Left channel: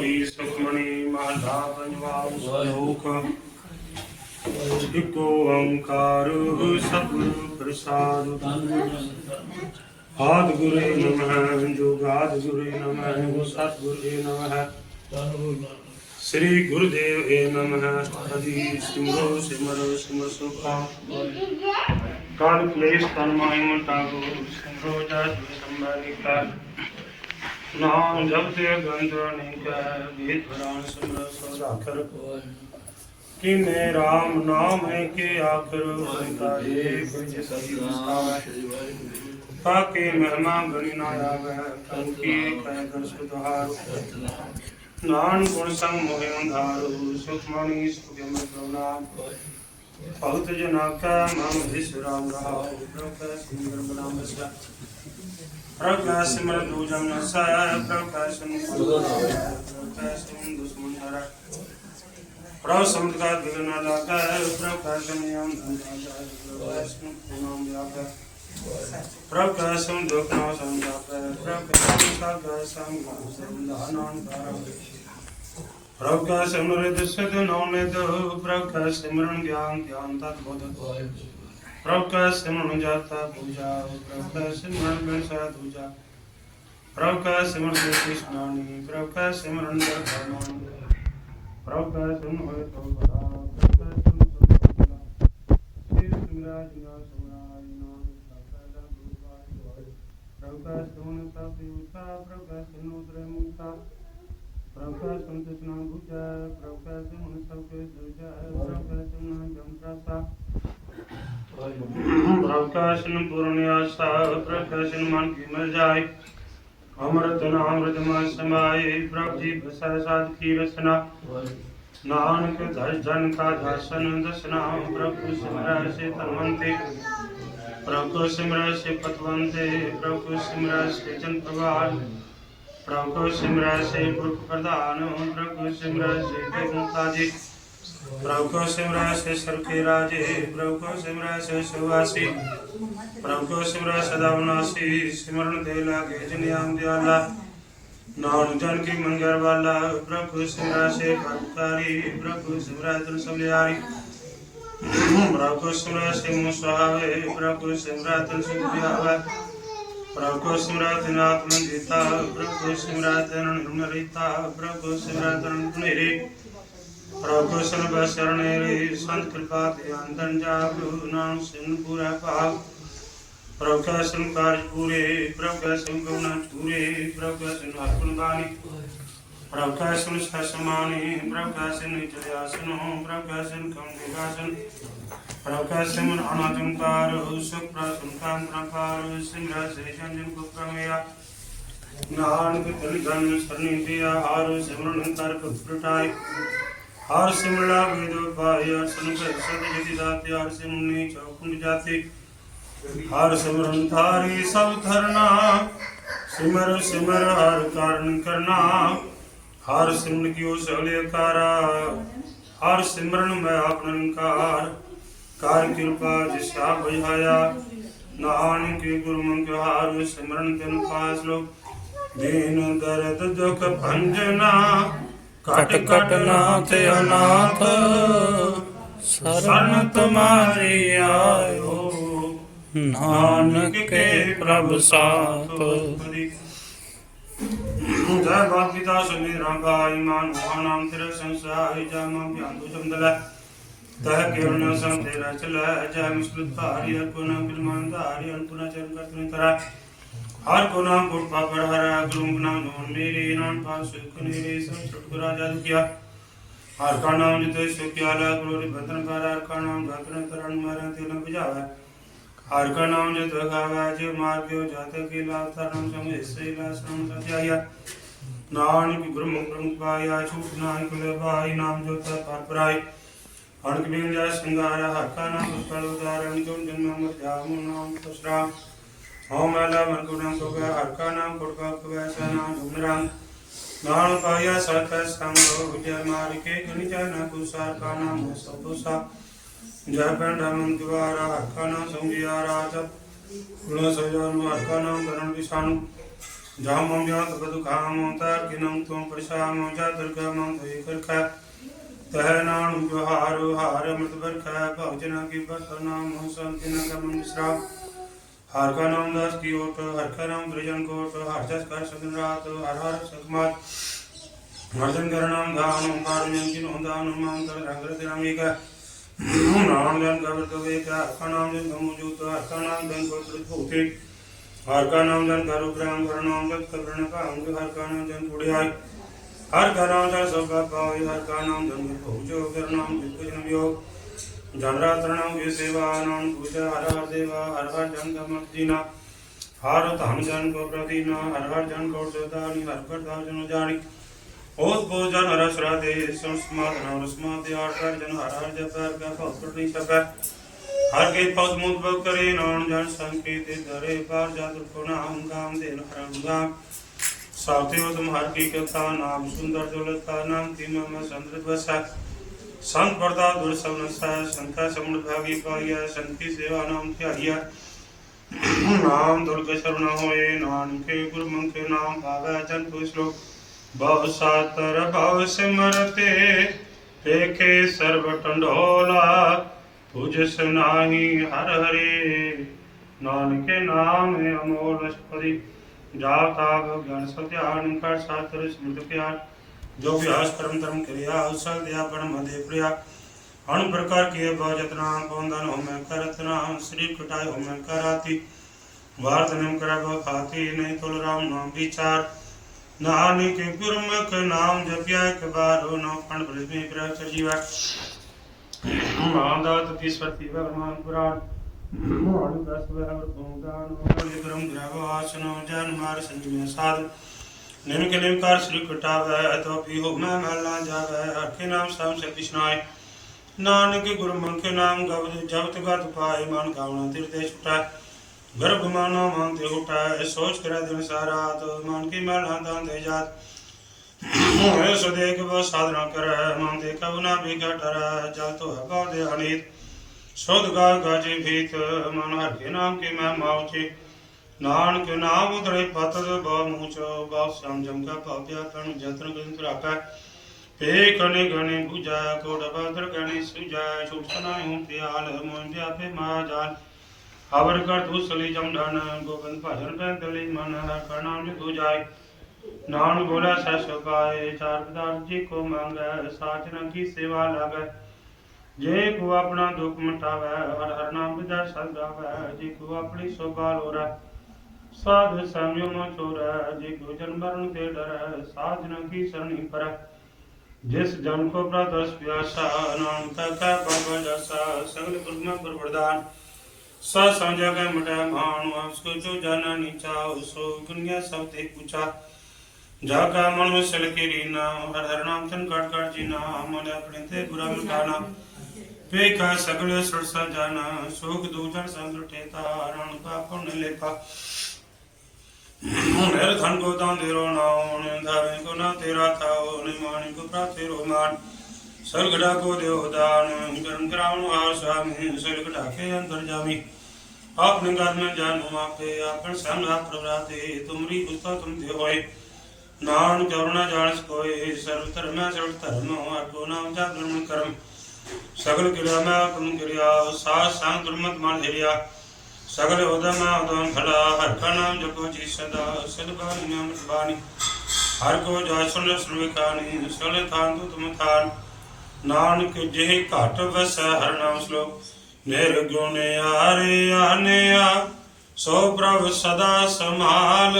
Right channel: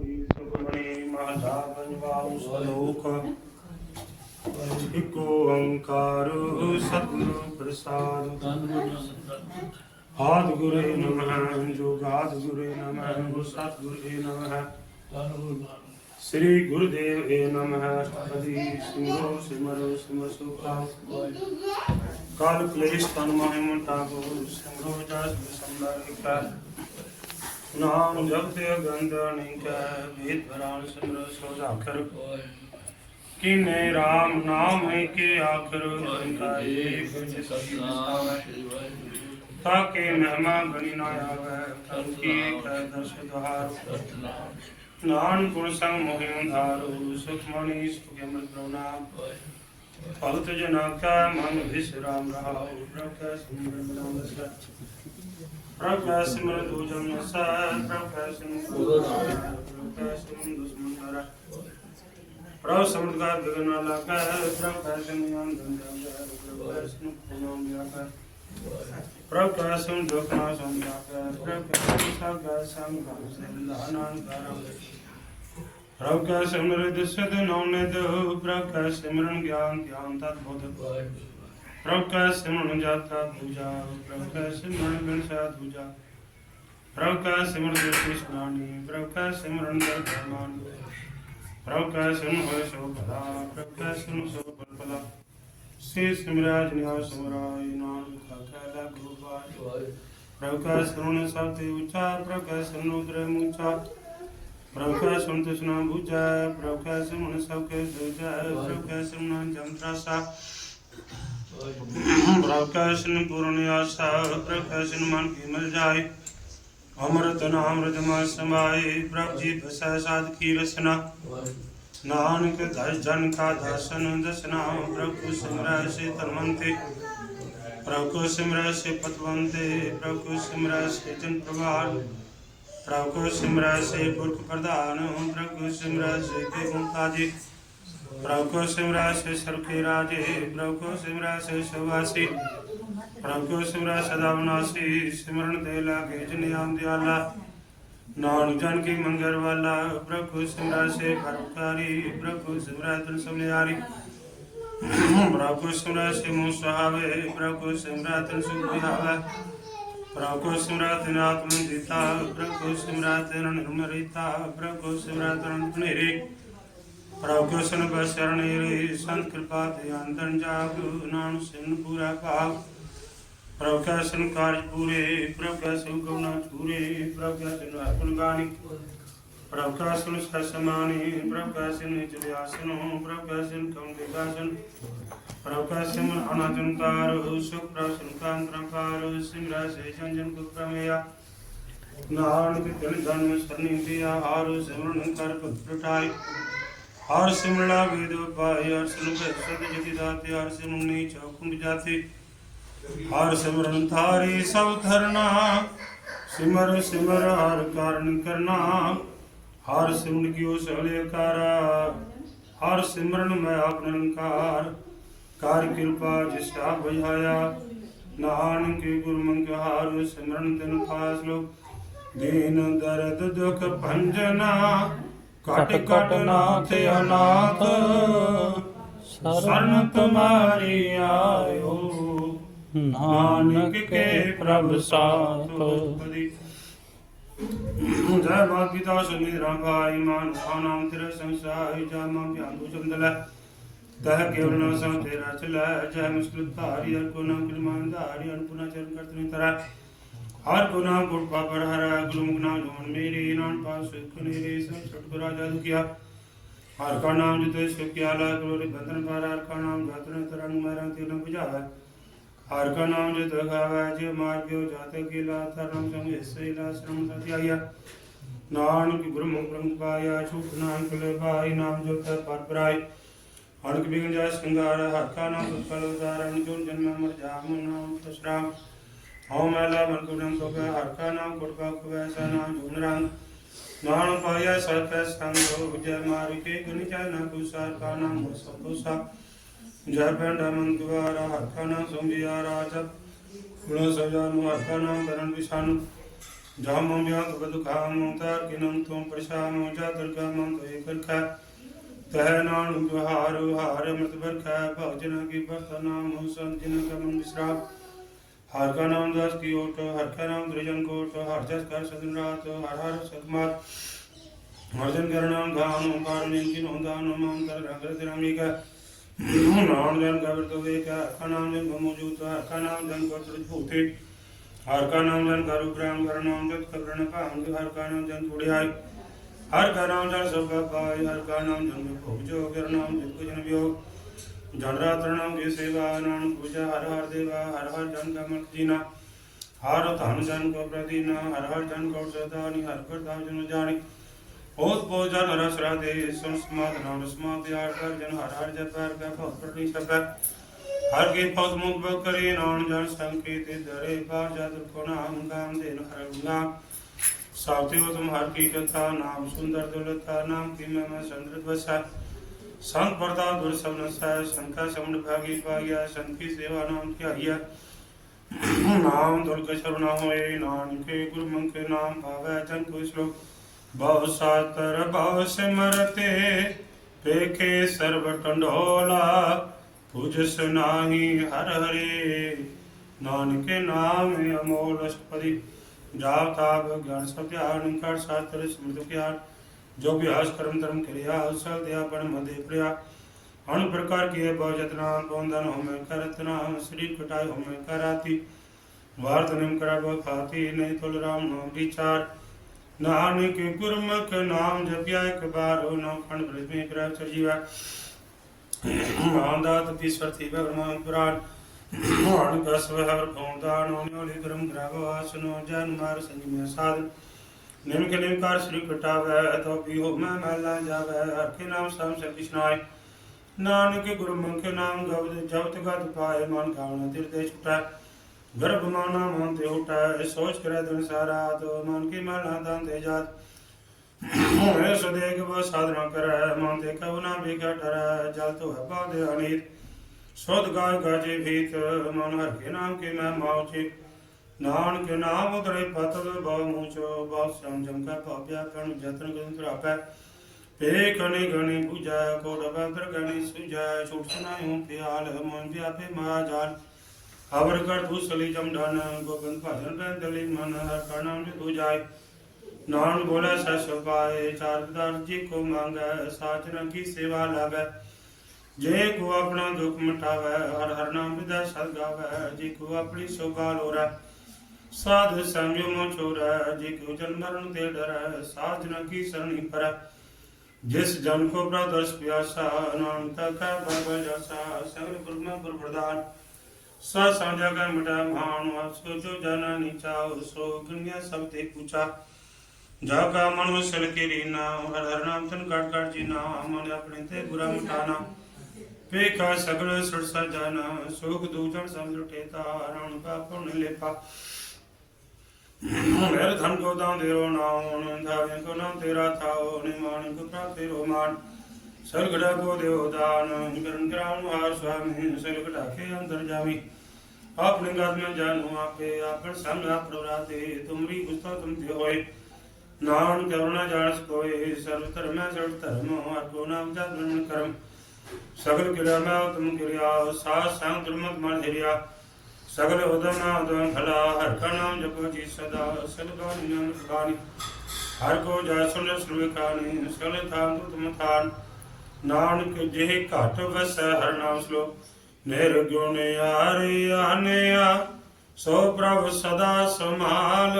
ਸੋਈ ਸੁਖਮਣੀ ਮਹਲਾ ਪੰਜਵਾ ਸ਼ਲੋਕ। ਇਕ ਓੰਕਾਰ ਸਤਿਗੁਰੂ ਪ੍ਰਸਾਦ। ਆਦ ਗੁਰੇ ਨਮః ਜੋਗਾਦ ਗੁਰੇ ਨਮঃ ਸਤਿਗੁਰੇ ਨਮঃ ਸ੍ਰੀ ਗੁਰਦੇਵ ਏ ਨਮః ਅਦੀ ਸਿਮਰੋ ਸਿਮਰੋ ਸਿਮਰ ਸੁਖਾ। ਕਾਲ ਕਲੇਸ਼ ਤਨ ਮਾਹਿ ਮਟਾਗੋ ਸਿਮਰੋ ਜਾ ਜੁ ਸੰਭਾਲੀ ਕਰ। ਨਾਮ ਜਪਤੇ ਗੰਧ ਅਨੇਕਾ ਵੇਦ ਬਰਾਮ ਸਿਮਰ ਸੋਧਾਖਰ ਕਿਨੇ RAM ਨਾਮ ਹੈ ਕੇ ਆਖਰ ਸੰਕਾ ਏਕ ਜਿਸ ਸਤੀ ਤਾਕੇ ਮਹਿਮਾ ਬਣੀ ਨਾ ਆਵੇ ਤਨ ਕੀ ਕੈ ਦਰਸ ਦਹਾਰ। ਨਾਨ ਗੁਣ ਸੰਗ ਮੋਹਿ ਅੰਧਾਰੂ ਸੁਖਮਣੀ ਸੁਖੇ ਮਰਨਾ ਭਗਤ ਜਨਾ ਕਾ, ਮਨ ਵਿਸਰਾਮ ਰਹਾਉ ਪ੍ਰਭ ਕਾ ਸਿਮਰਨ ਬਨਾਮ ਸਾ ਪ੍ਰਭ ਕਾ ਸਿਮਰਨ ਦੂਜਮ ਨਸਾ ਪ੍ਰਭ ਕਾ ਸਿਮਰਨ ਪ੍ਰਭ ਕਾ ਸਿਮਰਨ ਦੁਸ਼ਮਨ ਹਰਾ ਪ੍ਰਭ ਸਮਝ ਕਾ ਬਿਗਨ ਨਾ ਲਾਗਾ ਪ੍ਰਭ ਕਾ ਸਿਮਰਨ ਧਨ ਲਾਗਾ ਪ੍ਰਭ ਕਾ ਸਿਮਰਨ ਨਾਮ ਲਾਗਾ ਪ੍ਰਭ ਕਾ ਸਿਮਰਨ ਦੁਖ ਨਾ ਸੰਗਾ ਪ੍ਰਭ ਕਾ ਸਿਮਰਨ ਸਾਗਾ ਸੰਗਾ ਸਿਮਰਨ ਨਾਮ ਦਾਰਾ ਪ੍ਰਭ ਕਾ ਸਿਮਰਨ ਦਸਤ ਨੌਨੇ ਦੋ ਪ੍ਰਭ ਕਾ ਸਿਮਰਨ ਗਿਆਨ ਧਿਆਨ ਤਤ ਬੁੱਧ ਪ੍ਰਭ ਕਾ ਸਿਮਰਨ ਜਾਤਾ ਪੂਜਾ ਪ੍ਰਭ ਕਾ ਸਿਮਰਨ ਗੁਣ ਸਾਧੂਜਾ ਪ੍ਰਭ ਕਾ ਸਿਮਰਨ ਕ੍ਰਿਸ਼ਨਾਨੀ ਪ੍ਰਭ ਕਾ ਸਿਮਰਨ ਧਰਮਾਨ ਪ੍ਰਭ ਕਾ ਸਿਮਰਨ ਹੋਇ ਸੋ ਭਲਾ ਪ੍ਰਭ ਕਾ ਸਿਮਰਨ ਸੋ ਬਰਦਲਾ ਸੇ ਸਿਮਰਾਜ ਨਿਵਾਸ ਸਮਰਾਇ ਨਾਨਕ ਕਾ ਦਾ ਗੁਰਵਾਇ ਪ੍ਰਭ ਕਾ ਸਿਮਰਨ ਸਭ ਤੇ ਉੱਚਾ ਪ੍ਰਭ ਕਾ ਸਿਮਰਨ ਉਦਰ ਮੁਚਾ ਪ੍ਰਭ ਕਾ ਸਿਮਰਨ ਤ੍ਰਿਸ਼ਨਾ ਬੁਝਾ ਪ੍ਰਭ ਕਾ ਸਿਮਰਨ ਸਭ ਕੇ ਦੂਜਾ ਪ੍ਰਭ ਕਾ ਸਿਮਰਨ ਜੰਤਰਾਸਾ ਪ੍ਰਭ ਕਾ ਸਿਮਰਨ ਪੂਰਨ ਆਸਾ ਪ੍ਰਭ ਕਾ ਸਿਮਰਨ ਮਨ ਕੀ ਮਿਲ ਜਾਏ। ਅਮਰਤ ਨਾਮ ਰਤਮਾ ਸਮਾਏ, ਪ੍ਰਭ ਜੀ ਬਸੈ ਸਾਧ ਕੀ ਰਸਨਾ। ਨਾਨਕ ਦਸ ਜਨ ਕਾ ਦਰਸ਼ਨ ਦਸਨਾ, ਪ੍ਰਭੂ ਸਿਮਰੈ ਸੇ ਤਨਵੰਤੇ ਪ੍ਰਭ ਕੋ ਸਿਮਰੈ ਸੇ ਪਤਵੰਤੇ, ਪ੍ਰਭ ਕੋ ਸਿਮਰੈ ਸੇ ਜਨ ਪ੍ਰਵਾਨ ਪ੍ਰਭ ਕੋ ਸਿਮਰੈ ਸੇ ਪ੍ਰਭ ਕੋ ਸਿਮਰੈ ਸੇ ਕੇ ਮੁਤਾਜੀ ਪ੍ਰਭ ਸੇ ਸਰ ਕੇ ਰਾਜੇ ਪ੍ਰਭ ਕੋ ਸਿਮਰੈ ਸੇ ਸੁਵਾਸੀ ਪ੍ਰਭ ਕੋ ਸਿਮਰੈ ਸਦਾ ਵਿਨਾਸੀ ਸਿਮਰਨ ਦੇ ਲਾਗੇ ਜਿਨ ਆਮ ਦਿਆਲਾ ਨਾਨਕ ਜਨ ਕੀ ਮੰਗਰ ਵਾਲਾ ਪ੍ਰਭ ਕੋ ਸਿਮਰੈ ਸੇ ਪਰਉਕਾਰੀ ਪ੍ਰਭ ਕੋ ਸਿਮਰੈ ਤਨ ਸਮਲਿਆਰੀ ਪ੍ਰਭ ਕੋ ਸਿਮਰੈ ਸੇ ਮੂੰਹ ਸੁਹਾਵੇ ਪ੍ਰਭ ਕੋ ਸਿਮਰੈ ਤਨ ਸੁਖ ਵਿਹਾਵੇ ਪ੍ਰਭ ਕੋ ਸਿਮਰੈ ਤਨ ਆਤਮ ਦਿੱਤਾ ਪ੍ਰਭ ਕੋ ਸਿਮਰੈ ਤਨ ਨਿਰਮਲ ਰੀਤਾ ਪ੍ਰਭ ਕੋ ਸਿਮਰੈ ਤਨ ਧਨੇਰੇ ਪ੍ਰਭ ਕੋ ਸਿਮਰੈ ਬਸਰਣੇ ਰੇ ਸੰਤ ਕਿਰਪਾ ਤੇ ਅੰਦਨ ਜਾਗੂ, ਨਾਨਕ ਸਿਨ ਪੂਰਾ ਭਾਗ। ਪ੍ਰਭ ਕਾ ਸਿਮਰਨ ਕਾਰਜ ਪੂਰੇ, ਪ੍ਰਭ ਕਾ ਸਿਮਰਨ ਕਉਨਾ ਚੂਰੇ ਪ੍ਰਭ ਕਾ ਸਿਮਰਨ ਅਰਪਣ ਗਾਨੀ ਪ੍ਰਭ ਕਾ ਸਿਮਰਨ ਸਸਮਾਨੀ, ਪ੍ਰਭ ਕਾ ਸਿਮਰਨ ਚਲੇ ਆਸਨੋ ਪ੍ਰਭ ਕਾ ਸਿਮਰਨ ਕਮ ਦੇਵਾਸਨ ਪ੍ਰਭ ਕਾ ਸਿਮਰਨ ਅਨਾਦਿਨਕਾਰ ਸੁਖ ਪ੍ਰਸਨ ਕਾਂਤਰਾਕਾਰ ਸਿਮਰਾ ਸੇ ਜਨ ਕੋ ਪ੍ਰਮੇਆ ਨਾਨਕ ਦਿਨ ਗਨ ਸਰਨੀ ਪਿਆ ਹਰ ਸਿਮਰਨ ਕਰ ਪੁੱਤ ਪ੍ਰਟਾਇ ਹਰ ਸਿਮਰਲਾ ਵੇਦ ਪਾਇ ਹਰ ਸਨ ਕਰ ਸਦ ਜਤੀ ਦਾਤੇ ਹਰ ਸਿਮਰਨੀ ਚੌਕੁੰਡ ਜਾਤੇ। ਹਰ ਸਿਮਰਨ ਥਾਰੇ ਸਭ ਧਰਨਾ, ਸਿਮਰ ਸਿਮਰ ਹਰ ਕਾਰਨ ਕਰਨਾ। ਹਰ ਸਿਮਰਨ ਕੀਓ ਸਗਲੇ ਕਾਰਾ ਹਰ ਸਿਮਰਨ ਮੈਂ ਆਪਨ ਨਿਰੰਕਾਰ ਕਰ ਕਿਰਪਾ ਜਿਸ ਆਪ ਬੁਝਾਇਆ ਨਾਨਕ ਗੁਰੂ ਮੰਗ ਹਾਰ ਸਿਮਰਨ ਤਨ ਖਾਸ ਲੋ ਦੀਨ ਦਰਦ ਦੁਖ ਭੰਜਨਾ ਨਾਥ ਅਨਾਥ ਸਰਨ ਤੁਮਾਰੀ ਆਇਓ। ਨਾਨਕ ਕੇ ਪ੍ਰਭ ਸਾਥ। ਜੈ ਬਾਤ ਪਿਤਾ ਸੁਮੇ ਰੰਗਾ ਇਮਾਨ ਭਾਨਾਮ ਤੇਰੇ ਸੰਸਾਰ ਜਮ ਗਿਆਨੁ ਜੰਦਲ ਤਹ ਕਿਉ ਨ ਸੰ ਤੇਰਾ ਚਲੈ ਜੈ ਮੁਸਕਤ ਭਾਰੀ ਹਰ ਕੋ ਨਾਮ ਬਿਲਮਾਨ ਧਾਰੀ, ਅਨਪੁਨਾ ਚਰਨ ਕਰਤਨ ਤਰਾ। ਹਰ ਕੋ ਨਾਮ ਗੁਰ ਪਾਪਰ ਹਰ ਗੁਰੂ ਨਾਮ ਜੋਨ ਮੇਰੀ ਨਾਮ ਪਾਸ ਸੁਖ ਨੀਰੇ ਸਭ ਸਤਿਗੁਰ ਜਦ ਕੀਆ ਹਰ ਕਾ ਨਾਮ ਜਿਤੇ ਸੁਖਿਆ ਲਾ ਗੁਰੂ ਬਦਨ ਪਰ, ਹਰ ਕਾ ਨਾਮ ਜਤਨ ਤਰਨ ਮਰਨ ਤੇ ਨ 부ਝਾਵੇ ਹਰ ਕਾ ਨਾਮ ਜਿਤ ਗਾਵੇ, ਜੇ ਮਾਰ ਕਿਉ ਜਾਤ ਕੀ ਲਾ ਤਰਮ ਸਮ ਇਸੇ ਲਾ ਸਮ ਸਤਿਆਇਆ। ਨਾਨਕ ਗੁਰੂ ਮੰਗਲ ਪਾਇਆ ਛੂਟ ਨਾਨਕ ਲੈ ਭਾਈ, ਨਾਮ ਜੋਤਾ ਪਰ ਪਰਾਈ ਹਣਕ ਬਿਨ ਜਾ ਸਿੰਗਾਰ ਹਰ ਕਾ ਨਾਮ ਕਲ ਉਦਾਰਨ ਜੋ ਜਨਮ ਮਰ ਜਾਮੁ ਨਾਮ ਤਸਰਾ ਹਉ ਮੈਲਾ ਮਨ ਗੁਣਾ ਕੋਗਾ ਹਰ ਕਾ ਨਾਮ ਕੋਟਾ ਕੋਗਾ ਸਨਾ ਧੁਮਰਾਂ ਨਾਨ ਪਾਇਆ ਸਤਿ ਸੰਗੋ ਜੈ ਮਾਰ ਕੇ ਗੁਣ ਜਾਣਾ ਕੁਸਾਰ ਕਾ ਨਾਮ ਸਭ ਤੁਸਾ ਜੈ ਪਿੰਡ ਮਨ ਦੁਆਰਾ ਹਰ ਕਾ ਨਾਮ ਸੰਗਿਆ ਰਾਜ ਗੁਣ ਸਜਾ ਨੂੰ ਹਰ ਕਾ ਨਾਮ ਵਿਹਾਰ ਹਾਰ ਅਮਿਤ ਬਰਖੈ ਭਗਜਨਾ ਕੀ ਬਸਾ ਨਾਮ ਸੰਤ ਜਿਨ ਵਿਸਰਾਮ ਹਰ ਕਾ ਨਾਮ ਦਾਸ ਕੀ ਓਟ ਹਰ ਕਾ ਨਾਮ ਤ੍ਰਿਜਨ ਕੋਟ ਹਰ ਜਸ ਕਰ ਸਦਨ ਰਾਤ ਹਰ ਹਰ ਸਕਮਾਤ ਮਰਜਨ ਕਰਨਾਮ ਧਾਨ ਓੰਕਾਰ ਮੇਂ ਕਿਨ ਹੁੰਦਾ ਨੋ ਮੰਤਰ ਰੰਗਰ ਦਿਨਾਮ ਏਕ ਨਾਮ ਜਨ ਕਬਰ ਤੋ ਏਕ ਹਰ ਕਾ ਨਾਮ ਜਨ ਗਮੁ ਜੂਤ ਹਰ ਕਾ ਨਾਮ ਜਨ ਪਤਰ ਭੂਤੇ ਹਰ ਕਾ ਨਾਮ ਜਨ ਕਰੁ ਗ੍ਰਾਮ ਕਰਨਾਮ ਜਤ ਕਬਰਨ ਭਾਂਗ ਹਰ ਕਾ ਨਾਮ ਜਨ ਕੁੜਿਆਈ ਹਰ ਕਾ ਨਾਮ ਜਨ ਸਭ ਪਾਈ ਹਰ ਕਾ ਨਾਮ ਜਨ ਭੂਜੋ ਕਰਨਾਮ ਦੁਖ ਜਨ ਵਿਯੋਗ ਜਨ ਰਾਤਰਣਾਮ ਕੀ ਸੇਵਾ ਨਾਮ ਪੂਜਾ ਹਰ ਹਰ ਦੇਵਾ ਹਰ ਹਰ ਜਨ ਕਮਲ ਜੀਨਾ ਹਰ ਧਨ ਜਨ ਕੋ ਪ੍ਰਤੀਨਾ, ਹਰ ਹਰ ਜਨ ਕੋ ਸਦਾਨੀ ਹਰ ਕਰਤਾ ਜਨ ਜਾਣੀ ਉਸ ਬੋ ਜਨ ਹਰ ਸਰਾ ਦੇ ਸੰਸਮਾਦ ਨਾਮ ਰਸਮਾਦ ਦੇ ਆਠ ਕਰ ਜਨ ਹਰ ਹਰ ਦੇ ਪੈਰ ਕਾ ਭਉ ਪਟਨੀ ਸਭੈ ਹਰ ਕੇ ਪਦ ਮੁਖ ਬਗ ਕਰੇ ਨਾਮ ਜਨ ਸੰਕੀਤ ਤੇ ਦਰੇ, ਪਾਰ ਜਤ ਕੋ ਨਾਮ ਗਾਮ ਦੇ ਹਰ ਨਾਮ ਸਾਥਿਓ ਤੁਮ ਹਰ ਕੀ ਕਥਾ ਨਾਮ ਸੁੰਦਰ ਦੁਲਤਾ ਨਾਮ ਤਿਨ ਮ ਸੰਦ੍ਰਿਤ ਵਸਾ। ਸੰਤ ਪਰਦਾ ਗੁਰ ਸਬਨ ਸਾ ਸੰਖਾ ਸਮਣ ਭਾਗੀ ਪਾਈਆ ਸੰਖੀ ਸੇਵਾ ਨਾਮ ਧਿਆਈਆ। ਨਾਮ ਦੁਰਗ ਸਰਨਾ ਹੋਏ, ਨਾਨਕੇ ਗੁਰ ਮੰਖ ਨਾਮ ਪਾਵੈ ਜਨ ਕੋ ਸ਼ਲੋਕ। ਬਹੁ ਸਾਤਰ, ਬਹੁ ਸਿਮਰਤੇ ਪੇਖੇ ਸਰਬ ਟੰਡੋਲਾ। ਪੁਜਸ ਨਾਹੀ ਹਰ ਹਰੇ, ਨਾਨਕੇ ਨਾਮ ਅਮੋਲ ਅਸ਼ਟਪਦੀ। ਜਾ ਤਾਪ ਗਣ ਸਤਿਆਨ ਕਰ, ਸਾਤਰ ਸਮਿਤ ਪਿਆਰ। ਜੋ ਵਿਆਸ ਕਰਮ ਧਰਮ ਕਿਰਿਆ ਸਦ ਦਿਆ ਪਰਮ ਮਦੇ ਪ੍ਰਿਆ ਅਣ ਪ੍ਰਕਾਰ ਕੀਏ ਬਹੁ ਜਤਨਾ ਪਵੰਦਨ ਹੋਮੈ ਕਰਤ ਨਾਮ, ਸ੍ਰੀ ਕਟਾਇ ਹੋਮੈ ਕਰਾਤੀ। ਵਾਰਤ ਨਿਮ ਕਰਬ ਖਾਤੀ, ਨਹੀਂ ਤੁਲ ਰਾਮ ਨਾਮ ਵਿਚਾਰ ਨਾਨਕ ਗੁਰਮੁਖ ਨਾਮ ਜਪਿਆ ਇੱਕ ਬਾਰ ਹੋ ਨੋ ਫਣ ਬ੍ਰਿਥਮੀ ਪ੍ਰਚ ਜੀਵਾ ਮਾਨਦਾਤ ਕੀ ਭਗਵਾਨ ਪੁਰਾਨ। ਹੁਣ ਕਸ ਵਹਰ ਕੌਂਦਾ ਨੋ ਕਲੀ ਗਰਮ ਗ੍ਰਹ ਆਸਨੋ ਜਨ ਮਾਰ ਸੰਜਮੇ ਸਾਧ। ਨਿਮਕ ਨਿਮਕਾਰ ਸ੍ਰੀ ਕਟਾਵੈ ਤੋ ਵੀ ਮੈਂ ਮਹਲਾ ਜਾਵੈ। ਹਰ ਨਾਮ ਸਭ ਸਤੀ ਸੁਨਾਏ ਨਾਨਕ ਗੁਰਮੁਖ ਨਾਮ ਗਵਦ ਜਪਤ ਗਤ ਪਾਏ ਮਨ ਗਾਵਣਾ ਤਿਰਦੇ ਛੁਟਾ। ਗਰਭ ਮਾਨਾ ਮਨ ਤੇ ਉਟਾਏ ਸੋਚ ਕਰੇ ਦਿਨ ਸਾਰਾ ਤੋ ਮਨ ਕੀ ਮਹਲਾ ਤਾਂ ਤੇ ਜਾਤ। ਹੋਏ ਸਦੇ ਬੋ ਸਾਧਨਾ ਕਰੈ, ਮਨ ਤੇ ਕਬ ਨਾ ਬਿਗਾ ਡਰੈ, ਜਲ ਤੋ ਹਵਾ ਦੇ ਅਨੀਤ। ਸੋਧ ਗਾ ਗਾਜੇ ਭੀਤ, ਮਨ ਹਰ ਕੇ ਨਾਮ ਕੀ ਮੈਂ ਮਾਉਚੀ ਨਾਨਕ ਨਾਮ ਉਤਰੇ ਪਤਦ ਬਾ ਮੂਚੋ ਬਾ ਸੰਜਮ ਕਾ ਪਾਪਿਆ ਕਣ ਜਤਨ ਕਨ ਤਰਾਪੈ ਪੇ ਕਨੇ ਗਨੇ 부ਜਾ ਕੋਟ ਬਾਦਰ ਗਣੀ ਸੁਜਾ ਛੁਟ ਸਨਾਇ ਹੂੰ ਪਿਆਲ ਮੋਨ ਜਾਪੇ ਮਾ ਜਾਲ ਅਵਰ ਕਰ ਤੂ ਸਲੀ ਜਮ ਧਨ ਗੋਬਿੰਦ ਭਜਨ ਪੈ ਦਲੀ ਮਨ ਹਰ ਕਾ ਨਾਮ ਜਿ ਜਾਏ ਨਾਨ ਬੋਲਾ ਸਸ ਪਾਏ ਚਾਰ ਦਰ ਜੀ ਕੋ ਮੰਗੈ ਸਾਚ ਰੰਗੀ ਸੇਵਾ ਲਾਗੈ ਜੇ ਕੋ ਆਪਣਾ ਦੁਖ ਮਟਾਵੈ ਹਰ ਹਰ ਨਾਮ ਵਿਦਾ ਸਦ ਗਾਵੈ ਜੇ ਕੋ ਆਪਣੀ ਸੋਗਾਲ ਹੋਰੈ ਸਾਧ ਸੰਯਮ ਮੋ ਛੋਰੈ ਜੇ ਕੋ ਜਨ ਮਰਨ ਤੇ ਡਰ, ਸਾਧ ਕੀ ਸਰਣੀ ਪਰੈ। ਜਿਸ ਜਨ ਕੋ ਪ੍ਰਦਰਸ ਪਿਆਸਾ, ਨਾਮ ਤਕੈ ਪਰਮ ਜਸਾ ਸਗਲ ਪੁਰਮਾ ਪਰ ਸਾ ਸਾਂਝਾ ਕੈ ਮਟੈ ਮਾਨ ਅਸਕੋ ਜੋ ਜਨ ਨੀਚਾ ਸੋ ਦੁਨੀਆ ਸਭ ਤੇ ਪੁੱਛਾ ਜਾ ਕਾ ਮਨ ਮਸਲ ਕੇ ਰੀਨਾ ਹਰ ਹਰ ਨਾਮ ਤਨ ਕਟ ਕਟ ਜੀ ਨਾਮ, ਮਨ ਆਪਣੇ ਤੇ ਬੁਰਾ ਮਿਟਾਨਾ ਪੇਖਾ ਸਗਲ ਸਰਸਾ ਜਾਨਾ ਸੋਖ ਦੂਜਣ ਸੰਗ ਠੇਤਾ ਰਣ ਪਾਪਨ ਲੇਪਾ। ਮੇਰ ਧਨ ਕੋ ਦਾਨ ਦੇਰੋ ਨਾਉਨ ਧਾਰੇ ਕੋ ਨਾ ਤੇਰਾ ਥਾਉ ਨੇ ਮਾਨਿ ਕੋ ਮਾਨ ਸਰਗੜਾ ਕੋ ਦਿਓ ਦਾਨ, ਕਰਮ ਕਰਾਉਣ ਹਾਰ ਸੁਆਮੀ ਸਰਗੜਾ ਕੇ ਅੰਦਰ ਜਾਮੀ ਆਪਨੇ ਗਦ ਮੈਂ ਜਾਨੂ ਆਪੇ ਆਪਨ ਸੰਗ ਆਪ ਪ੍ਰਵਰਾਤੇ, ਤੁਮਰੀ ਗੁਸਤਾ ਤੁਮ ਤੇ ਹੋਏ। ਨਾਨ ਕਰੁਣਾ ਜਾਣਸ ਕੋਏ ਸਰਵ ਧਰਮਾ ਸਰਵ ਧਰਮ ਆਟੋ ਨਾਮ ਜਾ ਧਰਮ ਕਰਮ। ਸਗਲ ਕਿਰਿਆ ਮੈਂ ਤੁਮ ਕਿਰਿਆ, ਸਾਧ ਸੰਗ ਦੁਰਮਤ ਮਨ ਹਿਰਿਆ। ਸਗਲ ਉਦਮ ਉਦਮ ਫਲਾ ਹਰ ਕਾ ਨਾਮ ਜਪੋ ਜੀ ਸਦਾ ਸਦਬਾਣੀ ਨਾਮ ਸਬਾਣੀ ਹਰ ਕੋ ਜਾ ਸੁਨ ਸਰਵਿਕਾਣੀ ਸਗਲ ਥਾਨ ਤੂ ਤੁਮ ਥਾਨ ਨਾਨਕ ਜਿਹ ਘਟ ਵਸ ਹਰ ਨਾਮ ਸਲੋਕ ਨਿਰਗੁਣ ਆਰੇ ਆਨਿਆ, ਸੋ ਪ੍ਰਭ ਸਦਾ ਸਮਾਲ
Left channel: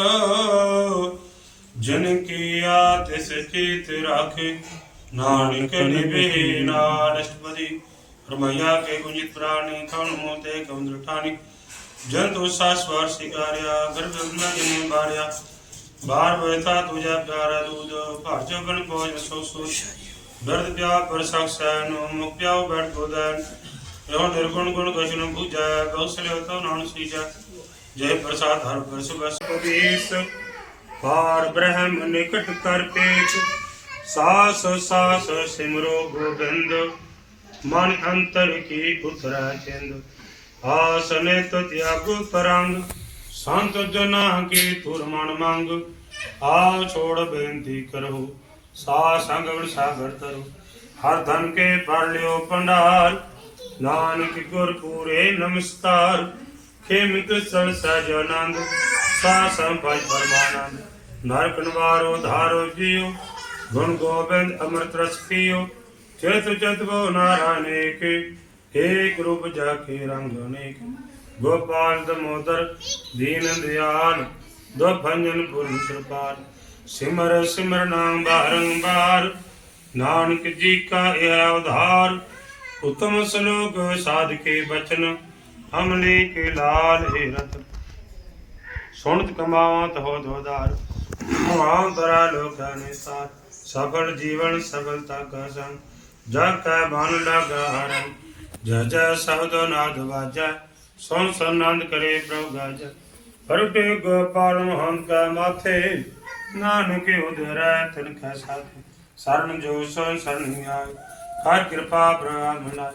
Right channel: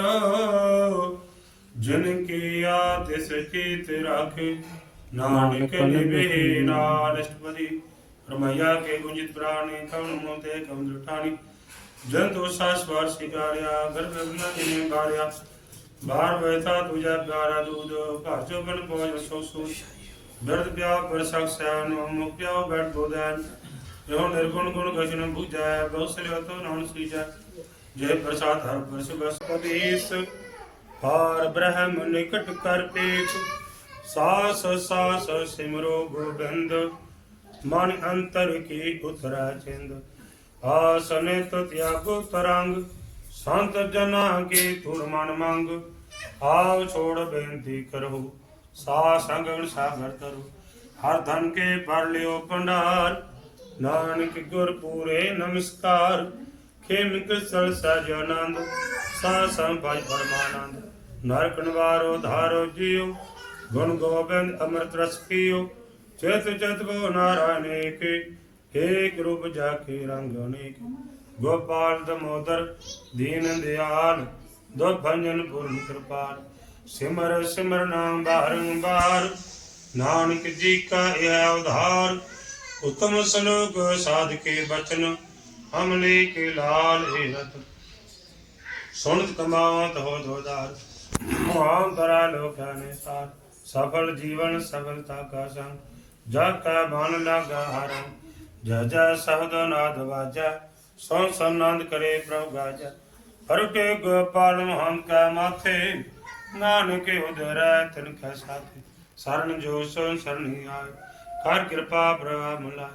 ਜਿਨ ਕੀਆ ਤਿਸ ਕੀਤ ਰਾਖੇ, ਨਾਨਕ ਨਿਭੇ ਨਾਨਸਪਦੀ ਰਮਈਆ ਕੇ ਗੁੰਜਿਤ ਪ੍ਰਾਣੀ ਕਣ ਮੋਤੇ ਗੰਦਰ ਠਾਣੀ ਜਨ ਤੋ ਸਾਸਵਾਰ ਸਿਕਾਰਿਆ ਗਰਭ ਗੁਨਾ ਜਿਨੇ ਬਾਰਿਆ। ਬਾਰ ਬੈਠਾ ਤੁਜਾ ਪਿਆਰਾ ਦੂਧ ਭਰ ਚਬਨ ਪੋਜ ਸੋ ਸੋ। ਦਰਦ ਪਿਆ ਪਰ ਸਖਸੈਨ ਮੁਖ ਪਿਆਉ ਬੈਠ ਗੋਦਨ ਜੋ ਨਿਰਗੁਣ ਗੁਣ ਕਛਨ ਬੁਝੈ ਕੌਸਲ ਤੋ ਨਾਨ ਸੀਜੈ। ਜੈ ਪ੍ਰਸਾਦ ਹਰ ਬਰਸ ਬਸ ਪਦੀਸ ਪਾਰ ਬ੍ਰਹਮ ਨਿਕਟ ਕਰ ਪੇਖ ਸਾਸ ਸਾਸ ਸਿਮਰੋ ਗੋਬਿੰਦ। ਮਨ ਅੰਤਰ ਕੀ ਉਤਰਾ ਚਿੰਦ। ਆਸਨੇ ਤੋ ਤਿਆਗੋ ਤਰੰਗ ਸੰਤ ਜਨਾ ਕੀ ਤੁਰ ਮਨ ਮੰਗ ਆਵ ਛੋੜ ਬੇਨਤੀ ਕਰੋ ਸਾ ਸੰਗਣ ਸਾਗਰ ਤਰੋ ਹਰ ਧਨ ਕੇ ਪਰ ਲਿਓ ਪੰਡਾਲ ਨਾਨਕ ਗੁਰ ਪੂਰੇ ਨਮਸਕਾਰ ਖੇਮਿਤ ਸਲ ਸਜ ਆਨੰਦ ਸਾ ਸੰਪਾਈ ਪਰਮਾਨੰਦ ਨਰਕ ਨਿਵਾਰੋ ਧਾਰੋ ਜੀਉ ਗੁਣ ਗੋਬਿੰਦ ਅੰਮ੍ਰਿਤ ਰਸ ਪੀਓ ਚਿਤ ਚਿਤ ਬੋ ਨਾਰਾਇਣੇ ਕੇ ਏਕ ਰੂਪ ਜਾ ਕੇ ਰੰਗ ਅਨੇਕ ਗੋਪਾਲ ਦਮੋਦਰ ਦੀਨ ਦਿਆਲ ਦੋ ਭੰਜਨ ਕਿਰਪਾਲ, ਸਿਮਰ ਸਿਮਰ ਨਾਮ ਬਾਰੰਬਾਰ ਨਾਨਕ ਜੀ ਕਾ ਇਹ ਉਧਾਰ, ਉਤਮ ਸਲੋਕ ਸਾਧ ਕੇ ਬਚਨ, ਹਮਲੇ ਕੇ ਲਾਲ ਹੈ ਰਤ ਸੁਣਤ ਕਮਾਵਤ ਹੋ ਦੋਦਾਰ ਮਹਾਨ ਤਰਾ ਲੋਕਾਂ ਨੇ ਸਾਰ, ਸਫਲ ਜੀਵਨ ਸਫਲਤਾ ਕਾ ਸੰਗ ਜਗ ਕੈ ਮਨ ਲਗਾ ਹਰਨ ਜੈ ਜੈ ਸਬਦ ਨਾਦ ਵਾਜੈ, ਸੋਨ ਸੰਨੰਦ ਕਰੇ ਪ੍ਰਭ ਗਾਜੈ ਹਰ ਕੇ ਗੋਪਾਲ ਮਹੰਤ ਕੈ ਮਾਥੇ, ਨਾਨਕ ਉਦਰੈ ਤਿਨ ਕੈ ਸਾਥੀ। ਸਰਨ ਜੋ ਸੋ ਸਰਣੀ ਆਏ, ਹਰ ਕਿਰਪਾ ਪ੍ਰਭ ਮਨਾਏ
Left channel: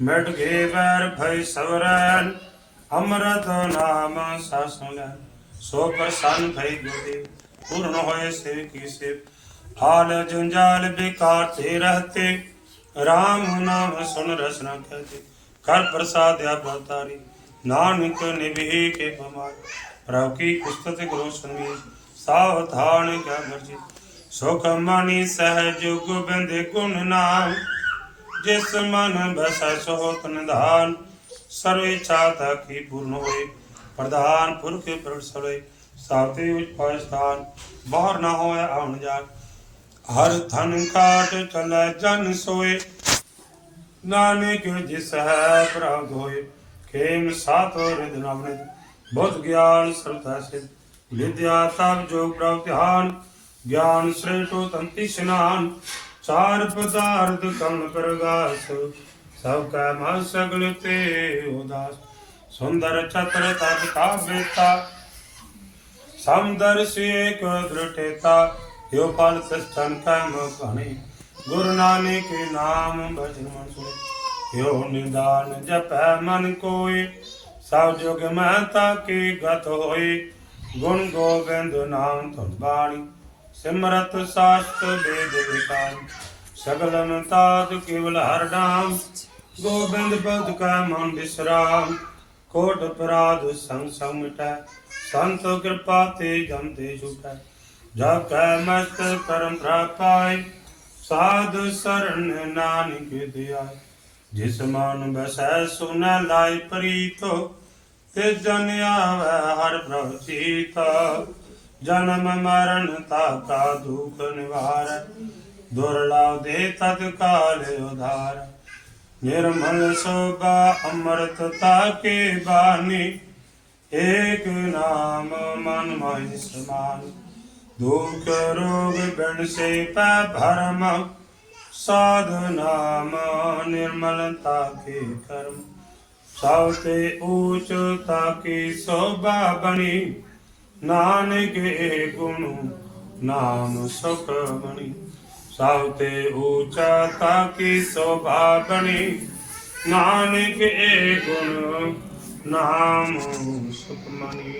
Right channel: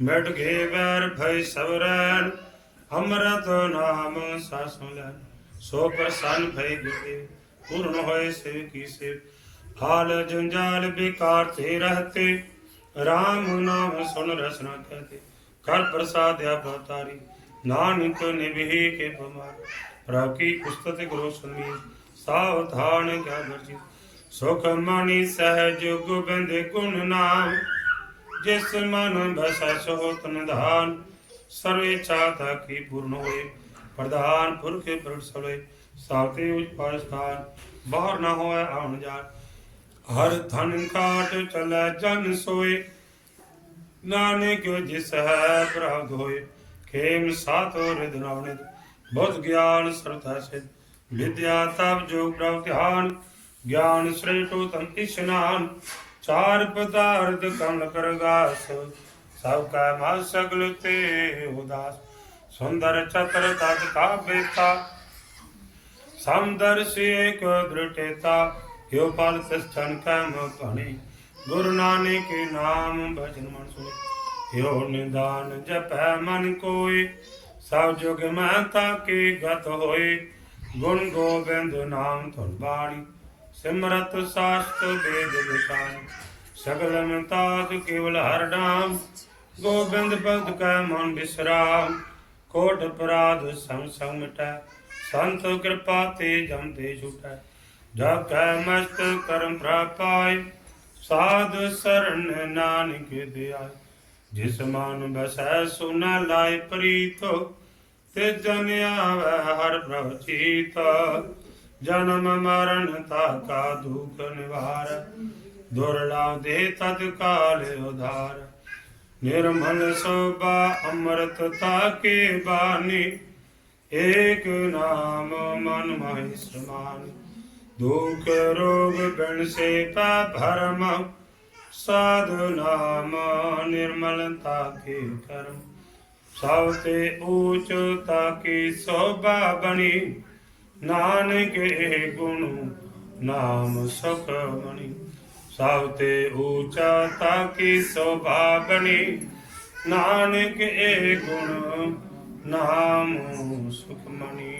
ਮਿਟ ਗੇ ਵੈਰ ਭਈ ਸਵਰੈਨ ਅੰਮ੍ਰਿਤ ਨਾਮ ਸਾਸੁ ਲੈ। ਸੋ ਪ੍ਰਸੰਨ ਭਈ ਗੁਰਦੇਵ, ਪੂਰਨ ਹੋਏ ਸੇ ਕੀ ਸੇ ਹਾਲ ਜੰਜਾਲ ਬੇਕਾਰ ਤੇ ਰਹਤੇ RAM ਨਾਮ ਸੁਨ ਰਸਨਾ ਕਹਤੇ ਕਰ ਪ੍ਰਸਾਦਿਆ ਬਤਾਰੀ ਨਾਨਕ ਨਿਭੇ ਕੇ ਬਮਾਰ। ਪ੍ਰਭ ਕੀ ਕੁਸਤਤ ਗੁਰੂ ਸੰਗੀ ਸਾਵਧਾਨ ਕਿਆ ਵਰਜੀ ਸੁਖ ਮਣੀ ਸਹਿਜ ਗੋਬਿੰਦ ਗੁਣ ਨਾਮ, ਜਿਸ ਮਨ ਬਸੈ ਸੋ ਤਨ ਧਾਨ ਸਰਵੇ ਚਾਹਤਾ ਕੀ ਪੂਰਨ ਹੋਏ, ਪ੍ਰਧਾਨ ਪੁਰਖ ਪ੍ਰਸਰੇ ਸਾਤੇ ਉਚ ਪਾਸਤਾਨ ਬਾਹਰ ਨਾ ਹੋਏ ਆਉਣ ਜਾਣ। ਹਰ ਧਨ ਕਾਟ ਚਲੈ ਜਨ ਸੋਏ। ਨਾਨਕ ਜਿਸ ਹੈ ਪ੍ਰਾਪਤ ਹੋਏ ਖੇਮ ਸਾਤੋ ਰਿਦ ਨਾਵਨਿਤ ਬੁੱਧ ਗਿਆਨ ਸਰਤਾ ਸਿਧ। ਵਿਦਿਆ ਤਪ ਜੋਗ ਪ੍ਰਭ ਧਿਆਨ। ਗਿਆਨ ਸ੍ਰੇਟੋ ਤੰਤੀ ਇਸ਼ਨਾਨ ਚਾਰ ਪਦਾਰਥ ਕਮ ਕਰਗਾਸ ਸਭ ਕਾ ਮਨ ਸਗਲ ਤੇ ਉਦਾਸ। ਸੁੰਦਰ ਚਤਰ ਤਤ ਕਾ ਸਮਦਰ ਸੇ ਕੋ ਦ੍ਰਿਟੇਤਾ ਹਿਉ ਫਲ ਸਸਤਨ ਕੈ ਮੋ ਸੁਣੀ ਗੁਰੂ ਨਾਨਕ ਨਾਮ ਭਜਨ ਸੁਣੀ। ਹਿਉ ਨਿਦਾਨ ਜਪੈ ਮਨ ਕੋਏ। ਸਭ ਜੁਗ ਮੈਂ ਤਾਕੇ ਗਤ ਹੋਏ। ਗੁਣ ਗੋਬਿੰਦ ਨਾਮ ਧੁਨ ਬਾਣੀ। ਸਿਮਰਤ ਸਾਸਤ ਬੇਦ ਵਿਕਾਰ ਸਗਲ ਮੰਤਾਤ ਕੇਵਲ ਹਰ ਨਾਮ ਗੋਬਿੰਦ ਭਗਤ ਕਾ ਮਨ ਬਿਸਰਾਮ। ਕੋਟ ਅਪਰਾਧ ਸੰਗ ਸੰਗ ਸੰਤ ਕਿਰਪਾ ਤੇ ਜਮ ਤੇ ਜਾ ਕੈ ਮਸਤ ਕਰਮ ਪ੍ਰਾਪਾਇ ਸਾਧ ਸਰਨ ਨਾਨਕ ਦਿਆਇ ਜਿਸ ਮਨ ਬਸੈ ਸੁਨਾ ਲਾਇ ਪ੍ਰੀਤੋ ਤੇ ਜਨ ਆਵੈ ਹਰ ਪ੍ਰਭ ਚੀਤਾ ਜਨਮ ਮਰਨ ਤਾ ਕਾ ਦੁਖ ਨਿਵਾਰ ਦੁਰਲਾ ਦੇ ਤਤ ਕਾਲ ਉਧਾਰ ਨਿਰਮਲ ਸੋਭਾ ਅੰਮ੍ਰਿਤ ਤਾ ਕੇ ਬਾਣੀ ਏਕ ਨਾਮ ਮਨ ਮਾਹਿ ਸਮਾਨ ਦੁਖ ਰੋਗ ਬਿਨ ਸੇ ਪੈ ਭਰਮ, ਸਾਧ ਨਾਮ ਨਿਰਮਲਤਾ ਕੇ ਕਰਮ। ਸਭ ਤੇ ਊਚ ਤਾਕੀ ਸੋਭਾ ਬਣੀ, ਨਾਨਕ ਇਹ ਗੁਣ ਨਾਮ ਸੁਖ ਬਣੀ। ਸਭ ਤੇ ਊਚਾ ਤਾਕੀ ਸੋਭਾ ਬਣੀ, ਨਾਨਕ ਇਹ ਗੁਣ ਨਾਮ ਸੁਖ ਮਣੀ